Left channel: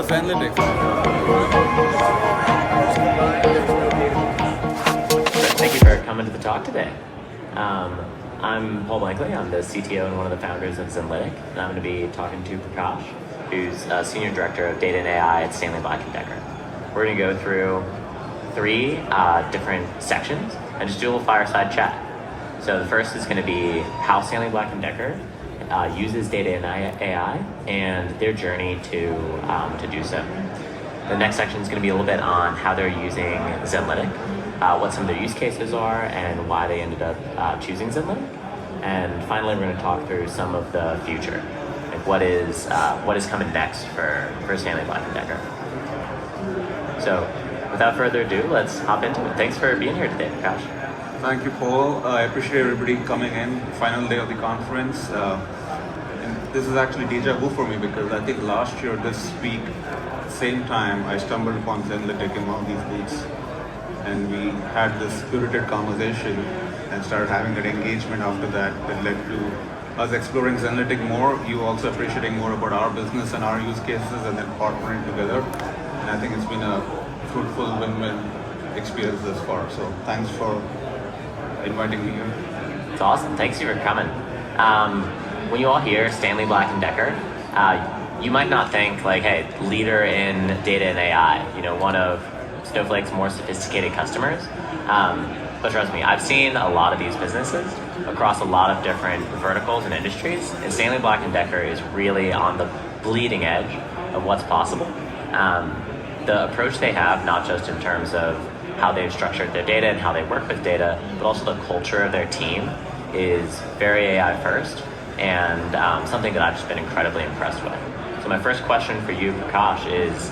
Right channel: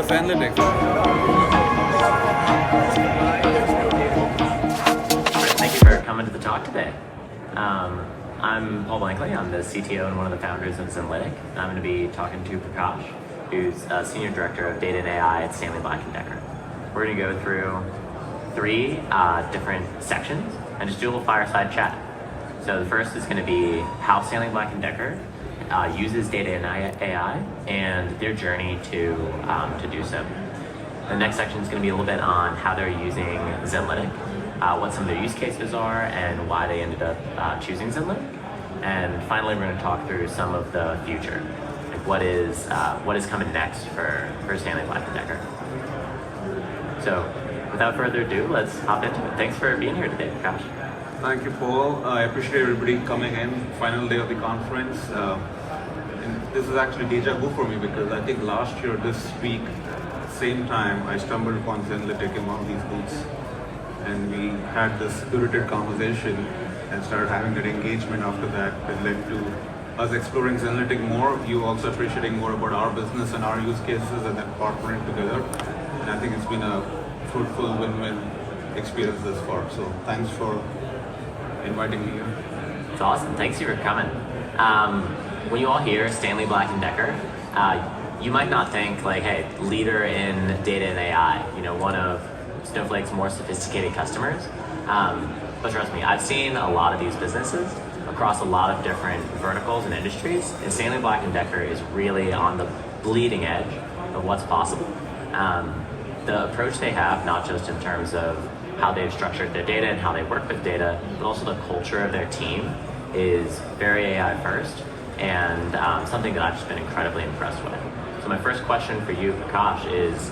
Oh, Zenlytic. Thank you for coming to the talk today. I'm Paul Blankley. I'm the CTO and one of the founders of Zenlytic, and I'm going to be talking to Prakash, who's a Senior Director of Data and AI at Stanley Black Decker. We're going to go through three different sections and just do a little fireside chat. So the first is going to be how Stanley Black Decker uses data and AI and their journey to do so. The next section is going to be a little bit on how they're using Zenlytic, what some of their use cases are, and why they ended up choosing Zenlytic. And finally, we're going to talk through some of the future, like what is coming next for Stanley Black Decker. So, without further ado, let's hop into it. Thanks for being here today, Prakash. Thank you, Paul. I appreciate everybody coming in. Final day of the conference. And this is actually deja vu for me because I think last year, this week, same time, I stumbled upon Zenlytic in one of these booths. And we had this spirited conversation and started having that engagement after that. It led to us exploring Zenlytic more, you also appreciating more about our business and our use cases, and then partnering together. And I think it's been a fruitful win-win experience thus far. So thanks for inviting me here. It's awesome. Thanks you for coming. When you all hear Stanley Black Decker, you might not think like, hey, leader in data and AI, one of Snowflake's more sophisticated customers. But trust me, I've seen a lot of these businesses across a lot of different verticals and industries, and Stanley Black Decker is really on the bleeding edge of what's possible. The approach they have, not just in terms of how they've structured their data and how they work with data, but also the culture of their team is very AI first, and something that I've just been incredibly impressed with. So my first question for you, Prakash, is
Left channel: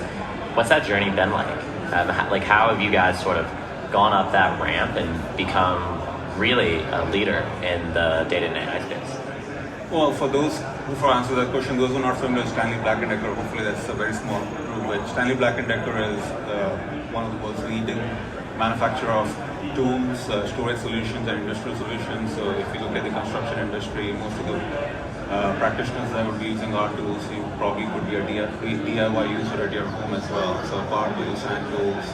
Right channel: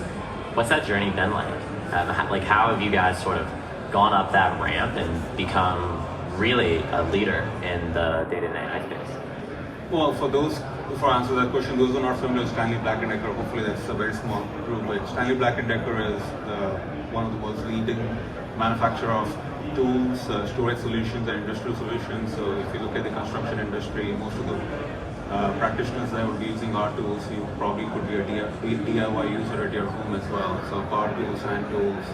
what's that journey been like? How have you guys sort of gone up that ramp and become really a leader in the data and AI space? Well, before I answer that question, those who are not familiar with Stanley Black Decker, hopefully that's a very small group, but Stanley Black Decker is one of the world's leading manufacturer of tools, storage solutions, and industrial solutions. So if you look at the construction industry, most of the practitioners that would be using our tools, you probably could be a DIY user at your home as well. So car tools, hand tools,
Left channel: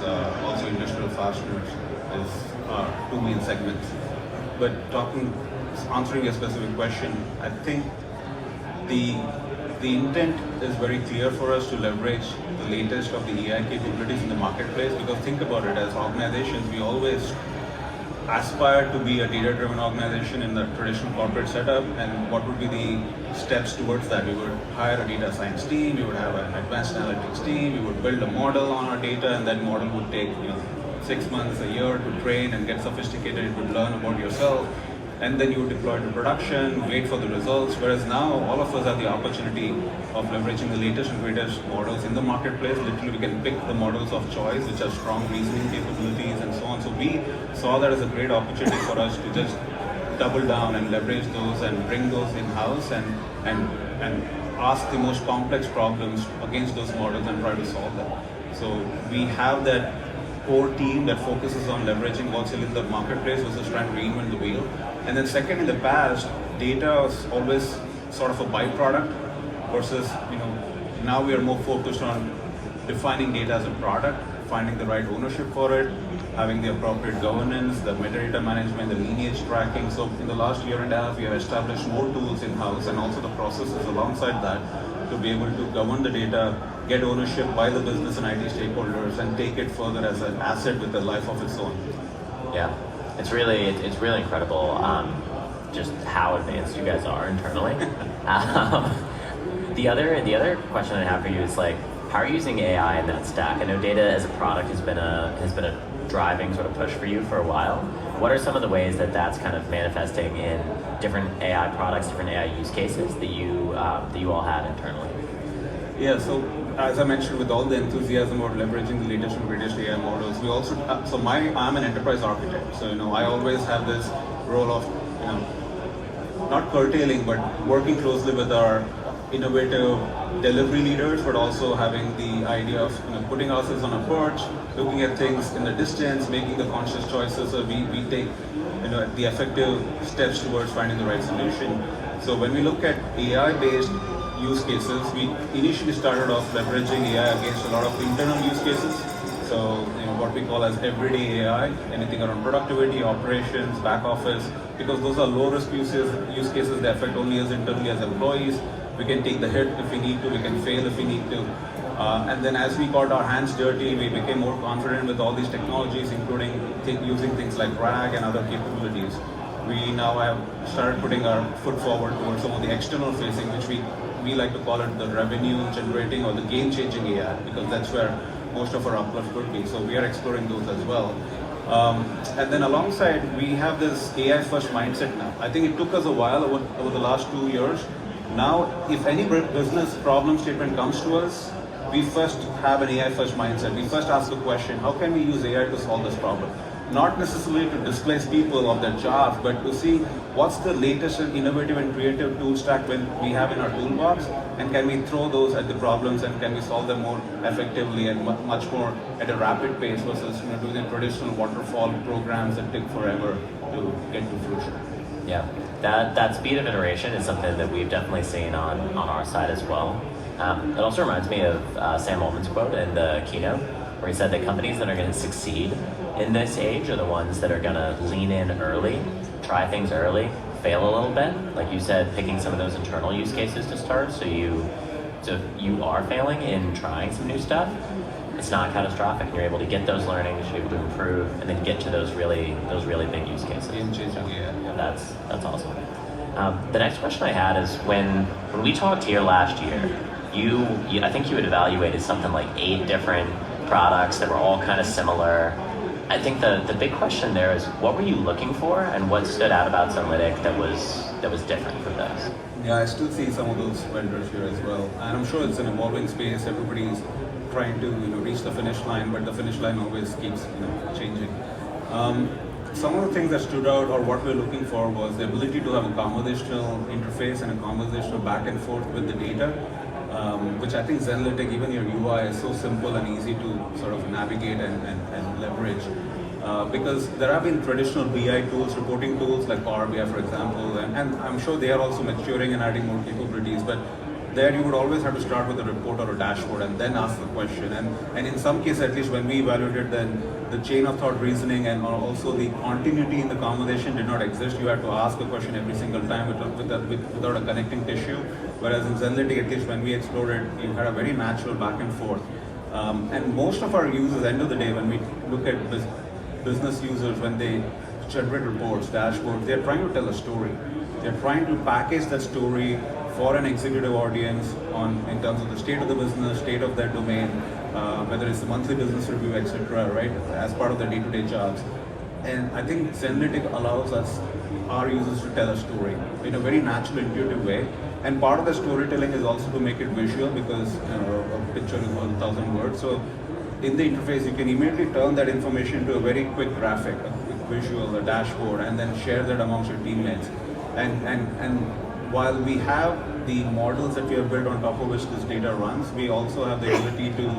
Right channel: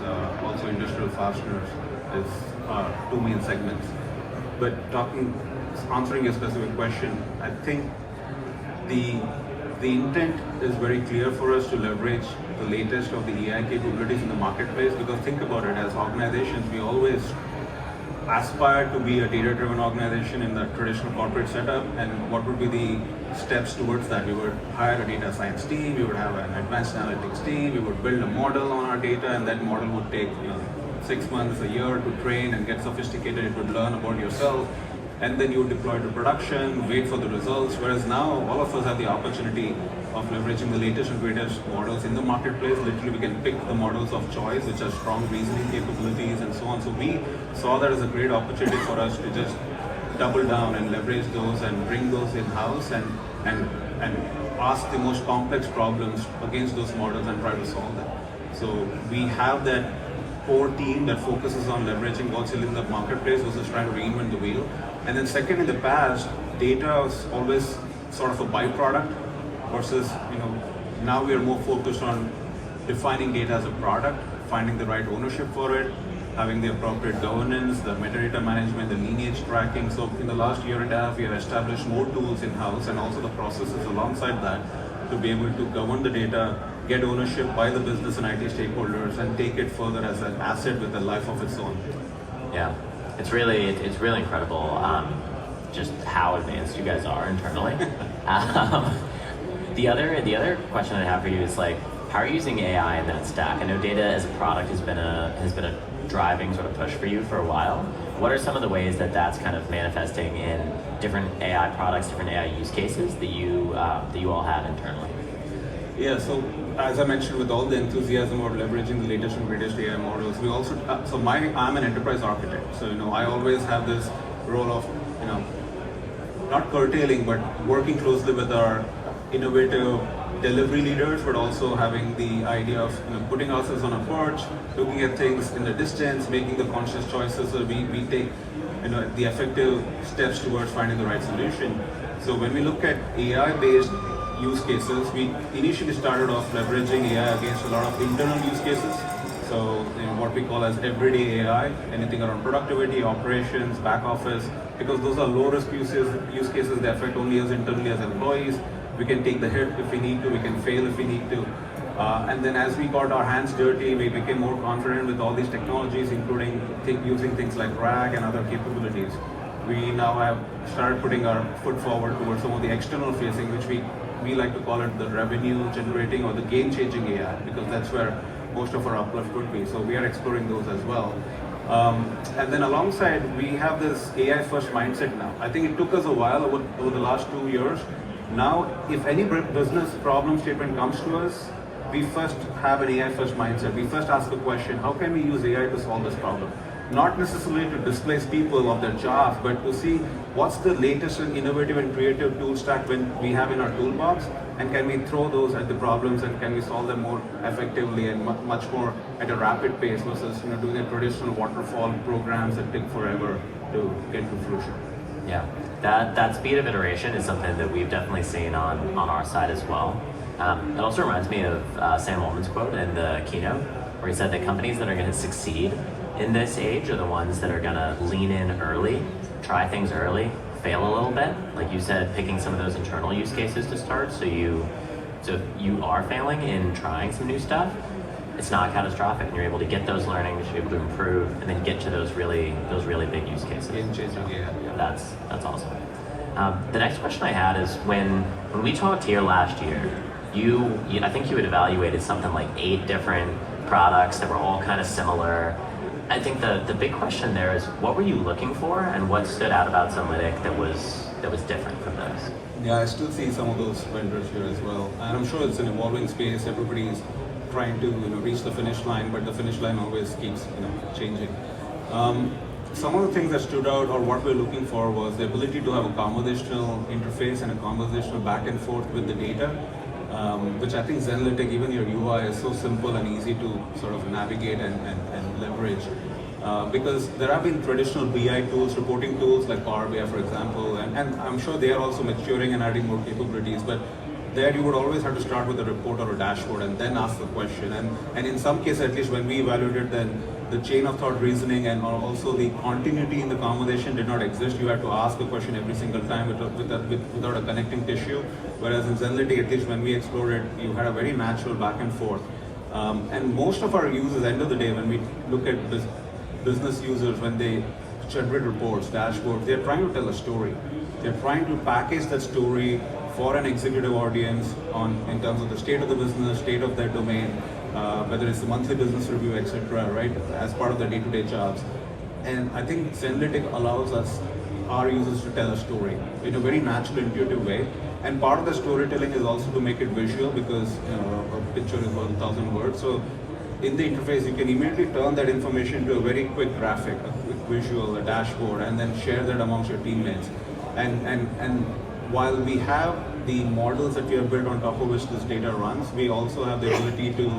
also industrial fasteners is two main segments. But answering your specific question, I think the intent is very clear for us to leverage the latest of the AI capabilities in the marketplace, because think about it, as organizations, we always aspire to be a data-driven organization in the traditional corporate setup, and what would be the steps towards that? We would hire a data science team, we would have an advanced analytics team, we would build a model on our data, and that model would take 6 months, a year to train and get sophisticated, it would learn about yourself, and then you would deploy to production, wait for the results, whereas now all of us have the opportunity of leveraging the latest and greatest models in the marketplace. Literally, we can pick the models of choice, which have strong reasoning capabilities and so on. So we saw that as a great opportunity for us to just double down and leverage those and bring those in-house and ask the most complex problems against those models and try to solve them. So we have that core team that focuses on leveraging what's in the marketplace versus trying to reinvent the wheel. And then second, in the past, data was always sort of a byproduct versus, now we are more focused on defining data as a product, finding the right ownership for it, having the appropriate governance, the metadata management, the lineage tracking. So in the last year and a half, we have established more tools in-house and also the processes alongside that to be able to govern the data, get ownership by the business and IT stakeholders, and take it further as an asset with a life of its own. Yeah, it's really incredible just how advanced you guys are internally. The other question I have for you is how are you using AI in that stack? I know data as a product has been a driving sort of push for you for a while. What are some of the ways that that's kind of manifesting in different AI products, different AI use cases that you all have internally? Yeah, so as I mentioned, with all the enthusiasm about leveraging the latest and greatest AI models, we also, I'm an enterprise architect. So, I always have this role of, not curtailing, but working closely with our innovative delivery leaders, but also having the idea of putting ourselves on a porch, looking at things in the distance, making the conscious choices, so we take the effective steps towards finding the right solution. So when we look at AI-based use cases. We initially started off leveraging AI against a lot of internal use cases. So what we call as everyday AI, anything around productivity, operations, back office, because those are low risk use cases. They affect only us internally as employees. We can take the hit if we need to, we can fail if we need to. And then as we got our hands dirty, we became more confident with all these technologies, including using things like RAG and other capabilities. We now have started putting our foot forward towards some of the external facing, which we like to call it the revenue generating or the game changing AI, because that's where most of our uplift would be. So we are exploring those as well. And then alongside, we have this AI first mindset now. I think it took us a while over the last 2 years. Now, if any business problem statement comes to us, we first have an AI first mindset. We first ask the question, how can we use AI to solve this problem? Not necessarily to displace people of their jobs, but to see what's the latest and innovative and creative tool stack we have in our toolbox, and can we throw those at the problems and can we solve them more effectively and much more at a rapid pace versus doing the traditional waterfall programs that take forever to get to fruition. Yeah, that speed of iteration is something that we've definitely seen on our side as well. It also reminds me of Sam Altman's quote in the keynote, where he said that companies that are going to succeed in this age are the ones that are going to lean in early, try things early, fail a little bit. Like you said, picking some of those internal use cases to start, so you are failing in trying some new stuff. It's not catastrophic. You're able to get those learnings, you're able to improve, and then get to those really big use cases. Game changing, yeah. That's awesome. The next question I had is when we talked here last year, I think you had evaluated something like 8 different products that were all kind of similar. I think the big question there is, what were you looking for, and what stood out about Zenlytic that was different from those? Yeah, I still see some of those vendors here as well, and I'm sure it's an evolving space. Everybody's trying to reach the finish line, but the finish line always keeps changing. Some of the things that stood out, or what we're looking for, was the ability to have a conversational interface and a conversational back and forth with the data, which I think Zenlytic, even your UI, is so simple and easy to sort of navigate and leverage. Because there have been traditional BI tools, reporting tools like Power BI, for example, and I'm sure they are also maturing and adding more capabilities, but there you would always have to start with a report or a dashboard and then ask the question. And in some cases, at least when we evaluated, then the chain of thought reasoning and also the continuity in the conversation did not exist. You had to ask a question every single time without a connecting tissue. Whereas in Zenlytic, at least when we explored it, you had a very natural back and forth. And most of our users, end of the day, when we look at business users, when they generate reports, dashboards, they're trying to tell a story. They're trying to package that story for an executive audience in terms of the state of the business, state of their domain, whether it's the monthly business review, etc., right, as part of their day-to-day jobs. And I think Zenlytic allows our users to tell a story in a very natural, intuitive way. And part of the storytelling is also to make it visual, because a picture is 1,000 words. So in the interface, you can immediately turn that information into a very quick graphic, a quick visual, a dashboard, and then share that amongst your teammates. And while we have the models that we have built on top of which this data runs, we also have the ability to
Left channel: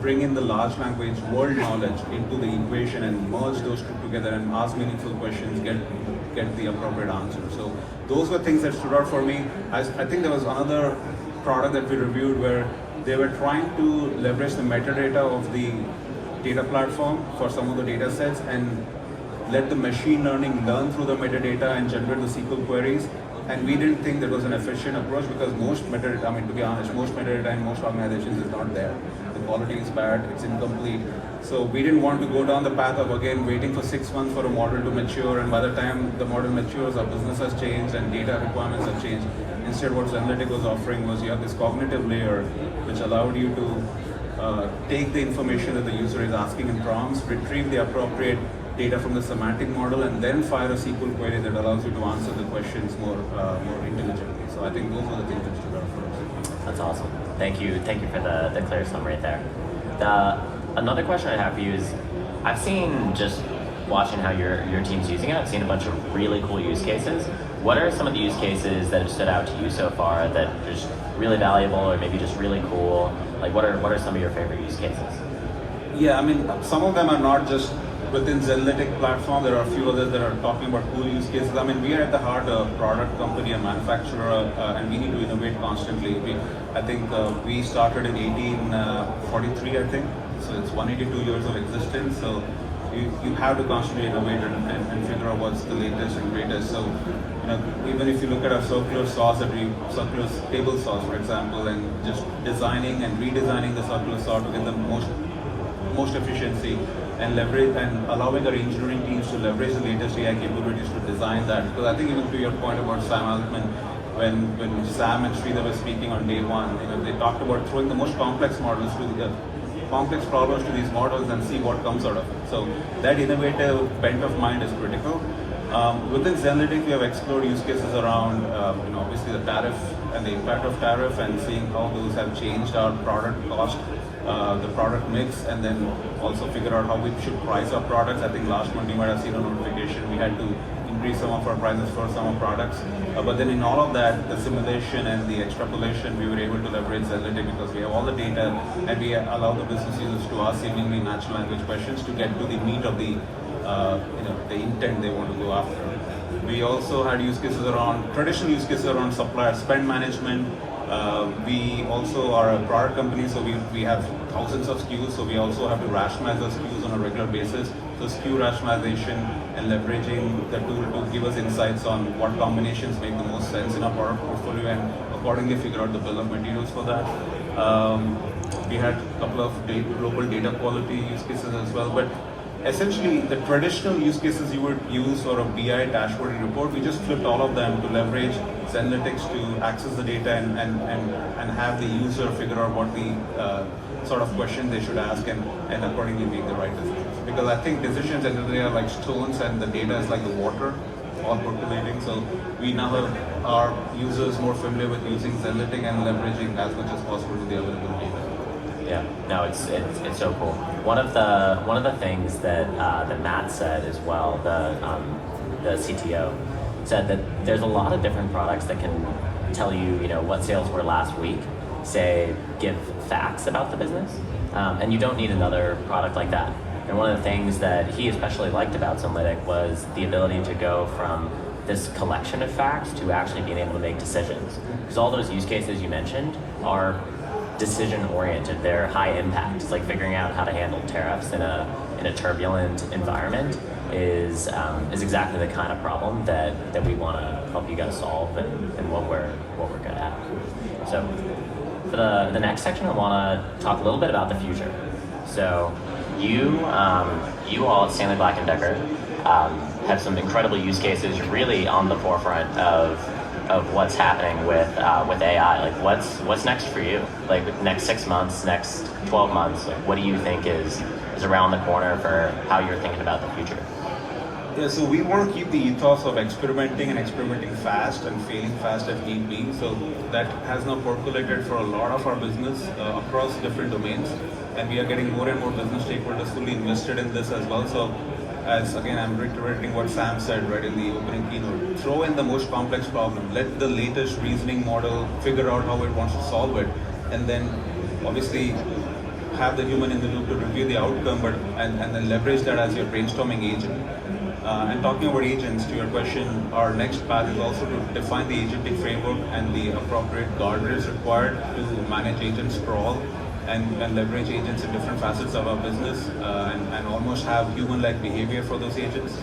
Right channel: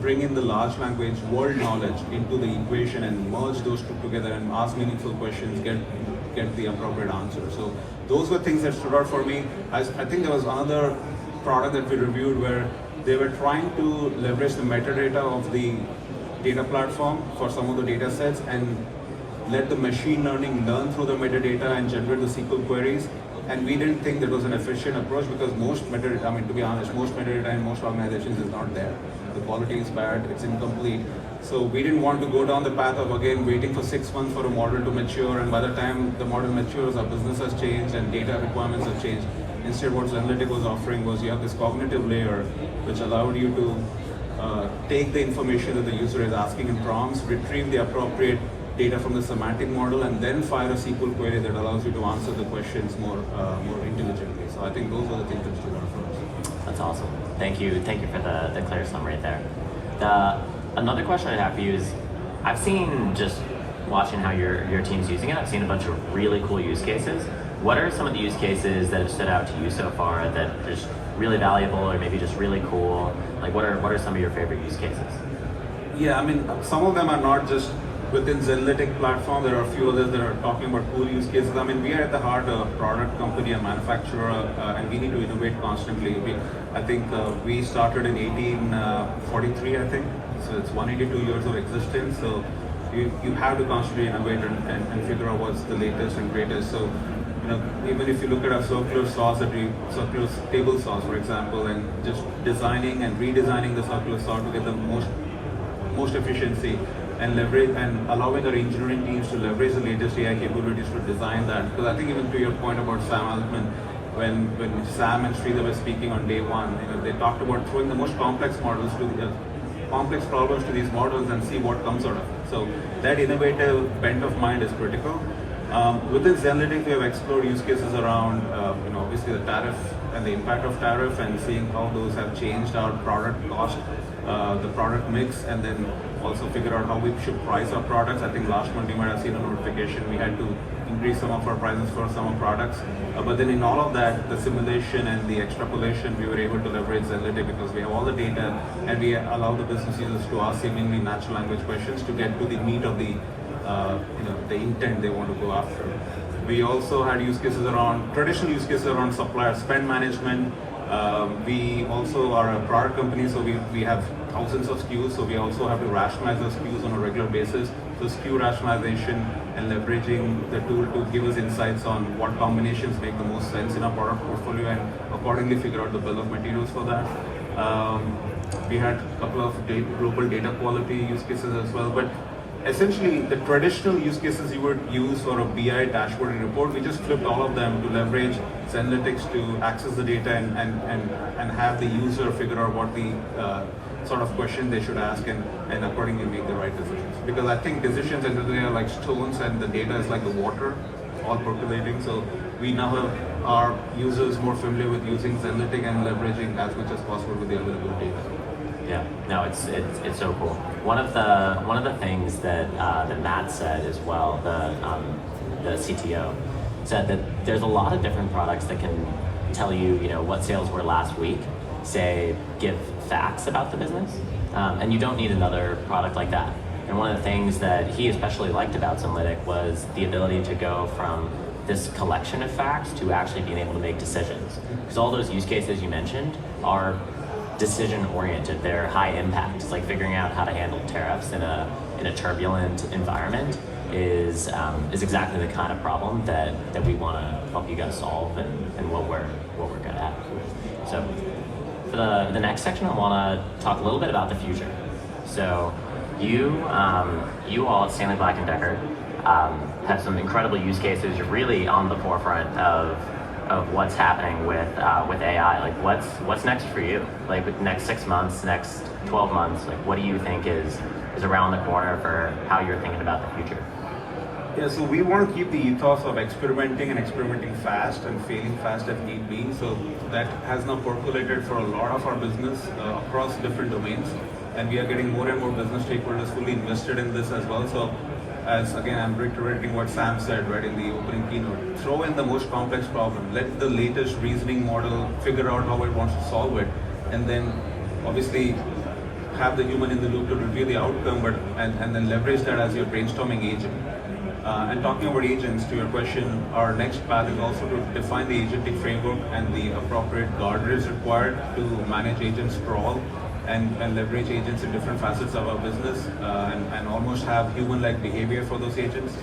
bring in the large language world knowledge into the equation and merge those two together and ask meaningful questions, get the appropriate answer. So those were things that stood out for me. I think there was another product that we reviewed where they were trying to leverage the metadata of the data platform for some of the data sets and let the machine learning learn through the metadata and generate the SQL queries. And we didn't think that was an efficient approach, because most metadata, to be honest, most metadata in most organizations is not there. The quality is bad, it's incomplete. So we didn't want to go down the path of, again, waiting for 6 months for a model to mature, and by the time the model matures, our business has changed and data requirements have changed. Instead, what Zenlytic was offering was you have this cognitive layer which allowed you to take the information that the user is asking in prompts, retrieve the appropriate data from the semantic model, and then fire a SQL query that allows you to answer the questions more intelligently. So I think those are the things that stood out for us. That's awesome. Thank you for the clear summary there. Another question I have for you is, I've seen, just watching how your team's using it, I've seen a bunch of really cool use cases. What are some of the use cases that have stood out to you so far that are just really valuable, or maybe just really cool? Like what are some of your favorite use cases? Yeah, some of them are not just within Zenlytic platform, there are a few others that are talking about cool use cases. I mean, we are at the heart a product company, a manufacturer, and we need to innovate constantly. I think we started in 1843, I think, so it's 182 years of existence. So you have to constantly innovate and figure out what's the latest and greatest. So, even if you look at our circular saws circular table saws, for example, and just designing and redesigning the circular saw to get the most efficiency and leverage and allowing our engineering teams to leverage the latest AI capabilities to design that. Because I think even to your point about Sam Altman, when Sam and Sridhar were speaking on day one, they talked about throwing the most complex models to the complex problems to these models and see what comes out of it. So that innovative bent of mind is critical. Within Zenlytic, we have explored use cases around, obviously the tariff and the impact of tariff, and seeing how those have changed our product cost, the product mix, and then also figure out how we should price our products. I think last month you might have seen a notification, we had to increase some of our prices for some of our products. But then in all of that, the simulation and the extrapolation, we were able to leverage Zenlytic because we have all the data and we allow the business users to ask seemingly natural language questions to get to the meat of the intent they want to go after. We also had use cases around, traditional use cases around supplier spend management. We also are a product company, so we have thousands of SKUs, so we also have to rationalize those SKUs on a regular basis. So SKU rationalization and leveraging the tool to give us insights on what combinations make the most sense in our product portfolio and accordingly figure out the bill of materials for that. We had a couple of global data quality use cases as well, but essentially the traditional use cases you would use for a BI dashboard and report, we just flipped all of them to leverage Zenlytics to access the data and have the user figure out what the sort of question they should ask and accordingly make the right decisions. Because I think decisions and they are like stones and the data is like the water, all percolating. So we now have our users more familiar with using Zenlytic and leveraging as much as possible with the available data. Yeah, no, it's so cool. One of the things that Matt said as well, the CTO, said that there's a lot of different products that can tell you, what sales were last week, say give facts about the business, and you don't need another product like that. And one of the things that he especially liked about Zenlytic was the ability to go from this collection of facts to actually being able to make decisions. Because all those use cases you mentioned are decision-oriented. They're high impact. It's like figuring out how to handle tariffs in a turbulent environment is exactly the kind of problem that we want to help you guys solve and what we're good at. So for the next section, I want to talk a little bit about the future. So you all at Stanley Black Decker have some incredible use cases. You're really on the forefront of what's happening with AI. Like what's next for you? Like next 6 months, next 12 months, like what do you think is around the corner for how you're thinking about the future? Yeah, so we want to keep the ethos of experimenting fast and failing fast if need be. So that has now percolated for a lot of our business across different domains, and we are getting more and more business stakeholders fully invested in this as well. So as again, I'm reiterating what Sam said right in the opening keynote, throw in the most complex problem, let the latest reasoning model figure out how it wants to solve it, and then obviously have the human in the loop to review the outcome, and then leverage that as your brainstorming agent. And talking about agents, to your question, our next path is also to define the agentic framework and the appropriate guardrails required to manage agent sprawl and leverage agents in different facets of our business and almost have human-like behavior for those agents.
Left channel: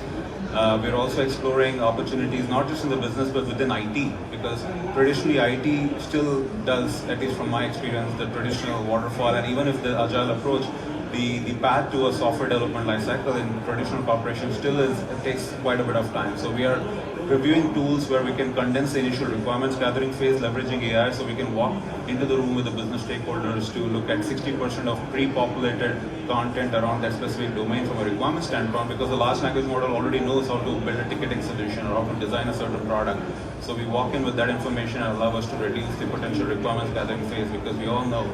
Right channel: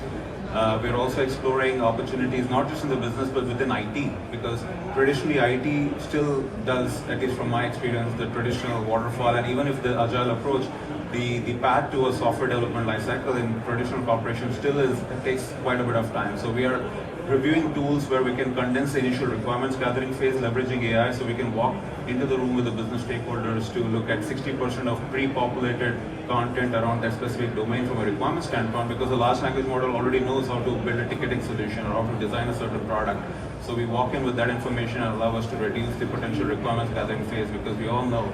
We're also exploring opportunities not just in the business but within IT, because traditionally IT still does, at least from my experience, the traditional waterfall, and even if the agile approach, the path to a software development lifecycle in traditional corporations still takes quite a bit of time. So we are reviewing tools where we can condense the initial requirements gathering phase, leveraging AI, so we can walk into the room with the business stakeholders to look at 60% of pre-populated content around that specific domain from a requirement standpoint, because the large language model already knows how to build a ticketing solution or how to design a certain product. So we walk in with that information and allow us to reduce the potential requirements gathering phase, because we all know,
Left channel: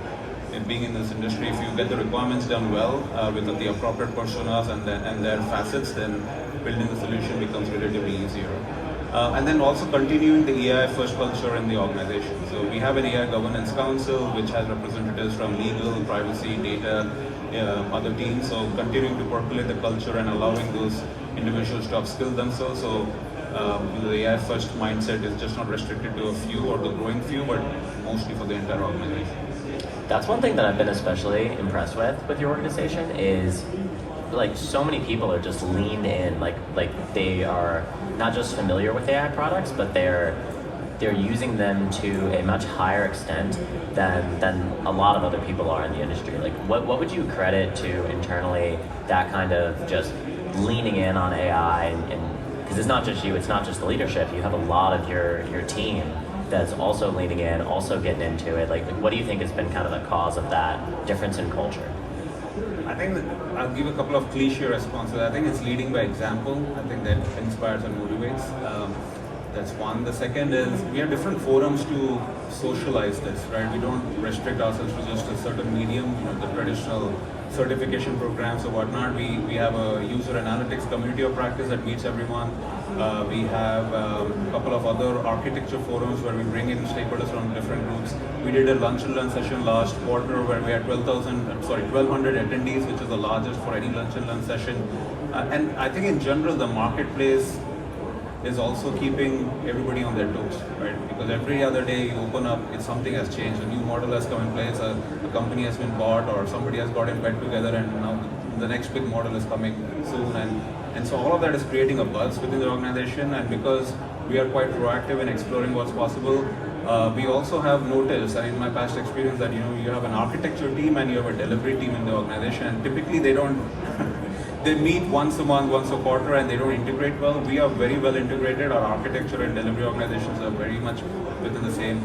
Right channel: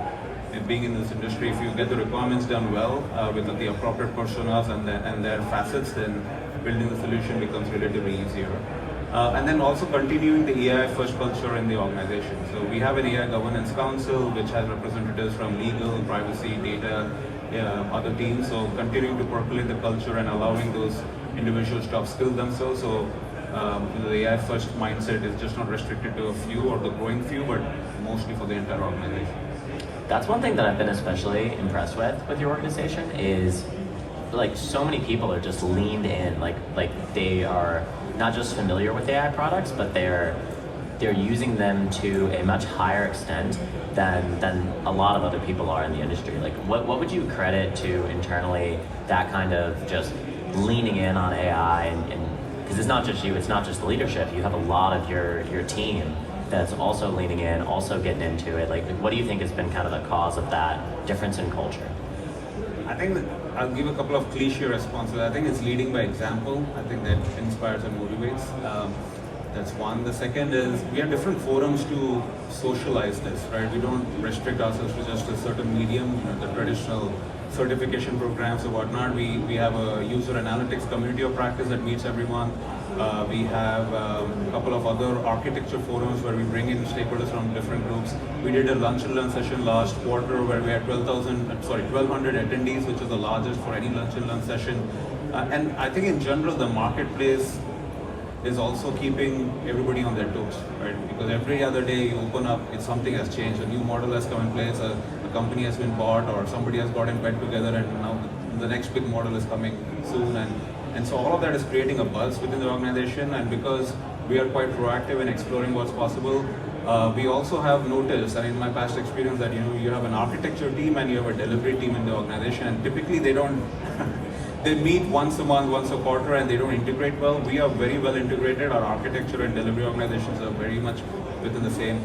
being in this industry, if you get the requirements done well with the appropriate personas and their facets, then building the solution becomes relatively easier. And then also continuing the AI first culture in the organization. So we have an AI governance council which has representatives from legal, privacy, data, other teams. So continuing to percolate the culture and allowing those individuals to upskill themselves. So the AI first mindset is just not restricted to a few or the growing few, but mostly for the entire organization. That's one thing that I've been especially impressed with your organization is like so many people are just leaned in, like they are not just familiar with AI products, but they're using them to a much higher extent than a lot of other people are in the industry. Like what would you credit to internally that kind of just leaning in on AI and because it's not just you, it's not just the leadership, you have a lot of your team that's also leaning in, also getting into it. Like what do you think has been kind of the cause of that difference in culture? I think that I'll give a couple of cliche responses. I think it's leading by example. I think that inspires and motivates. That's one. The second is we have different forums to socialize this, right? We don't restrict ourselves to just a certain medium, the traditional certification programs or whatnot. We have a user analytics community of practice that meets everyone. We have a couple of other architecture forums where we bring in stakeholders from different groups. We did a lunch and learn session last quarter where we had 1,200 attendees, which is the largest for any lunch and learn session. And I think in general, the marketplace is also keeping everybody on their toes, right? Because every other day you open up, something has changed, a new model has come in place, a company has been bought, or somebody has got in bed together, and now the next big model is coming soon. And so all of that is creating a buzz within the organization, and because we are quite proactive in exploring what's possible, we also have noticed, and in my past experience, that you have an architecture team and you have a delivery team in the organization, and typically they don't they meet once a month, once a quarter, and they don't integrate well. We are very well integrated. Our architecture and delivery organizations are very much within the same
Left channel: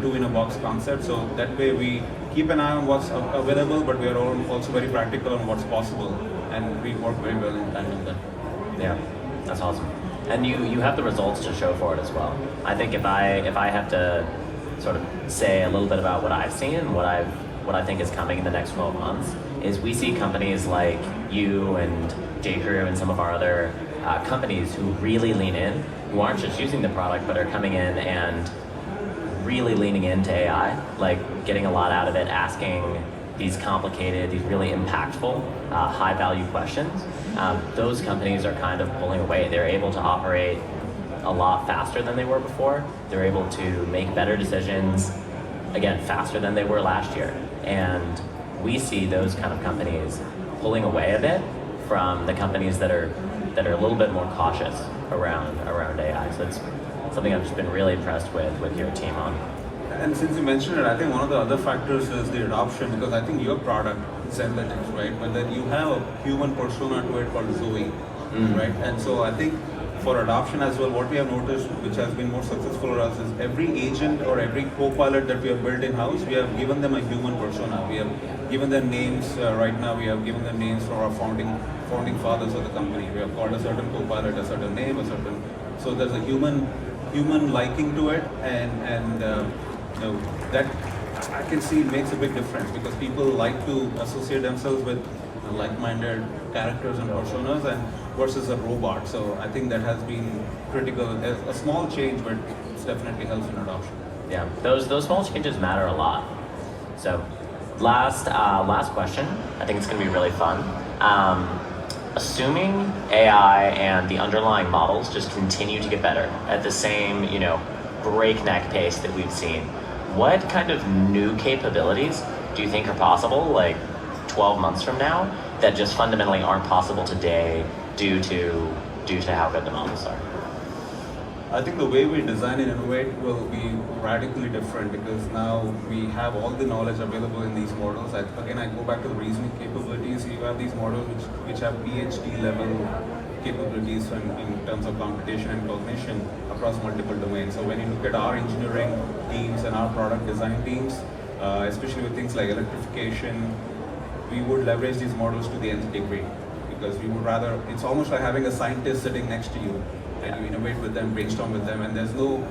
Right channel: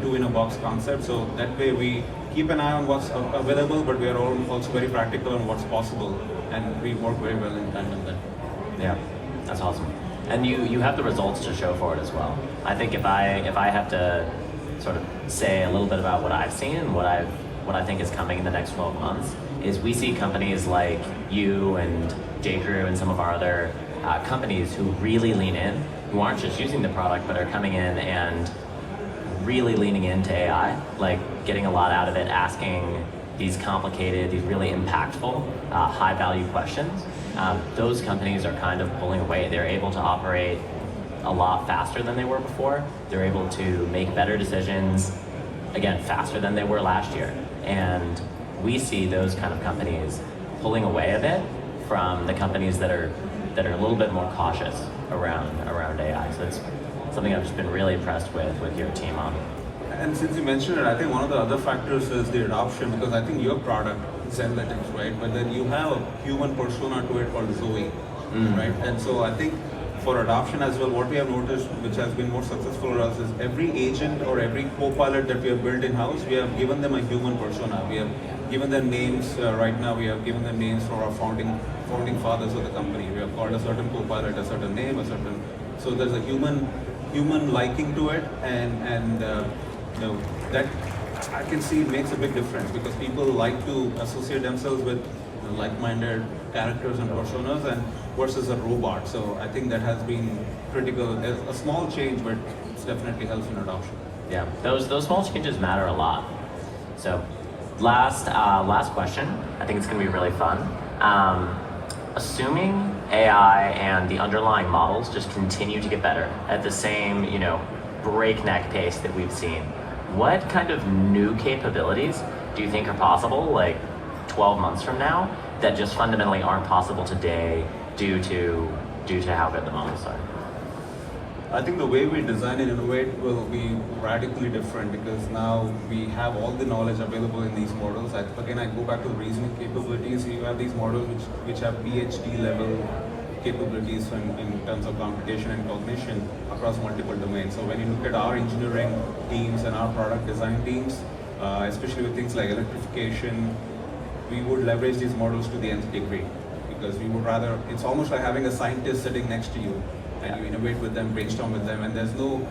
two-in-a-box concept. So that way we keep an eye on what's available, but we are also very practical on what's possible, and we work very well in tandem then. Yeah, that's awesome. And you have the results to show for it as well. I think if I have to sort of say a little bit about what I've seen and what I think is coming in the next 12 months, is we see companies like you and J.Crew and some of our other companies who really lean in, who aren't just using the product, but are coming in and really leaning into AI, like getting a lot out of it, asking these complicated, these really impactful, high-value questions. Those companies are kind of pulling away. They're able to operate a lot faster than they were before. They're able to make better decisions, again, faster than they were last year. And we see those kind of companies pulling away a bit from the companies that are a little bit more cautious around AI. So it's something I've just been really impressed with your team on. And since you mentioned it, I think one of the other factors is the adoption, because I think your product, Zenlytic, right? But then you have a human persona to it called Zoe, right? And so I think for adoption as well, what we have noticed, which has been more successful for us, is every agent or every co-pilot that we have built in-house, we have given them a human persona. We have given them names. Right now, we have given them names for our founding fathers of the company. We have called a certain co-pilot a certain name, so there's a human liking to it, and that I can see makes a big difference, because people like to associate themselves with like-minded characters and personas and versus a robot. So I think that has been critical. A small change, but it definitely helps in adoption. Yeah, those small changes matter a lot. So last question. I think it's going to be really fun. Assuming AI and the underlying models just continue to get better at the same, breakneck pace that we've seen, what kind of new capabilities do you think are possible, like 12 months from now, that just fundamentally aren't possible today due to how good the models are? I think the way we design and innovate will be radically different, because now we have all the knowledge available in these models. Again, I go back to reasoning capabilities. You have these models which have PhD level capabilities in terms of computation and cognition across multiple domains. So when you look at our engineering teams and our product design teams, especially with things like electrification, we would leverage these models to the nth degree, because we would rather, it's almost like having a scientist sitting next to you, and you innovate with them, brainstorm with them, and there's no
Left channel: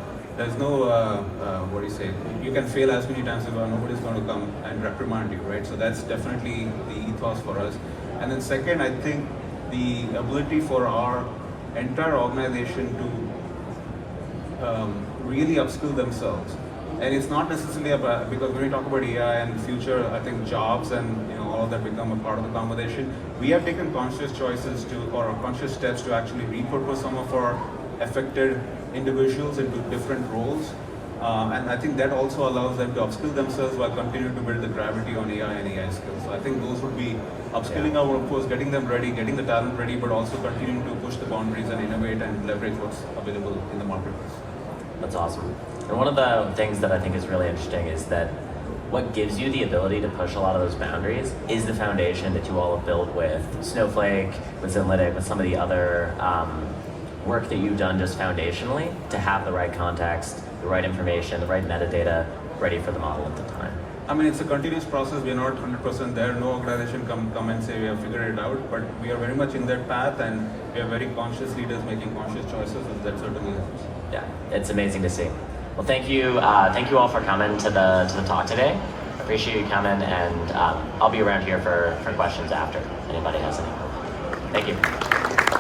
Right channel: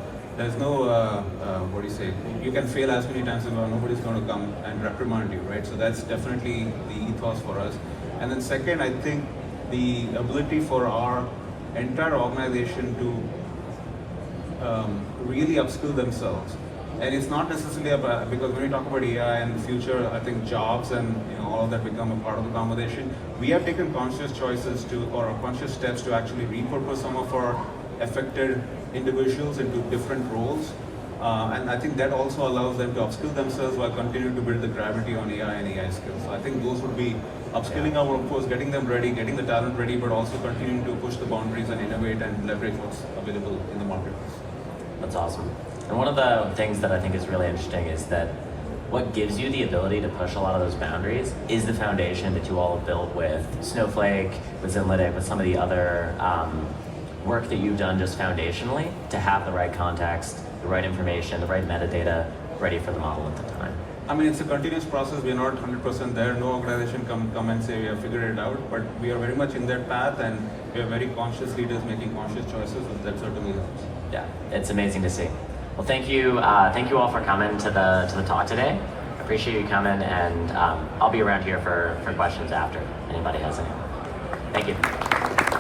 what do you say, you can fail as many times as well, nobody's going to come and reprimand you, right? So that's definitely the ethos for us. And then second, I think the ability for our entire organization to really upskill themselves. And it's not necessarily about, because when we talk about AI and the future, I think jobs and all of that become a part of the conversation. We have taken conscious choices or conscious steps to actually repurpose some of our affected individuals into different roles. And I think that also allows them to upskill themselves while continuing to build the gravity on AI and AI skills. So I think those would be upskilling our workforce, getting them ready, getting the talent ready, but also continuing to push the boundaries and innovate and leverage what's available in the marketplace. That's awesome. And one of the things that I think is really interesting is that what gives you the ability to push a lot of those boundaries is the foundation that you all have built with Snowflake, with Zenlytic, with some of the other work that you've done just foundationally to have the right context, the right information, the right metadata ready for the model at the time. I mean, it's a continuous process. We're not 100% there. No organization come and say we have figured it out, but we are very much in that path, and we are very conscious leaders making conscious choices, and that certainly helps. Yeah, it's amazing to see. Well, thank you all for coming to the talk today. Appreciate you coming, and I'll be around here for questions after, if anybody has any. Thank you.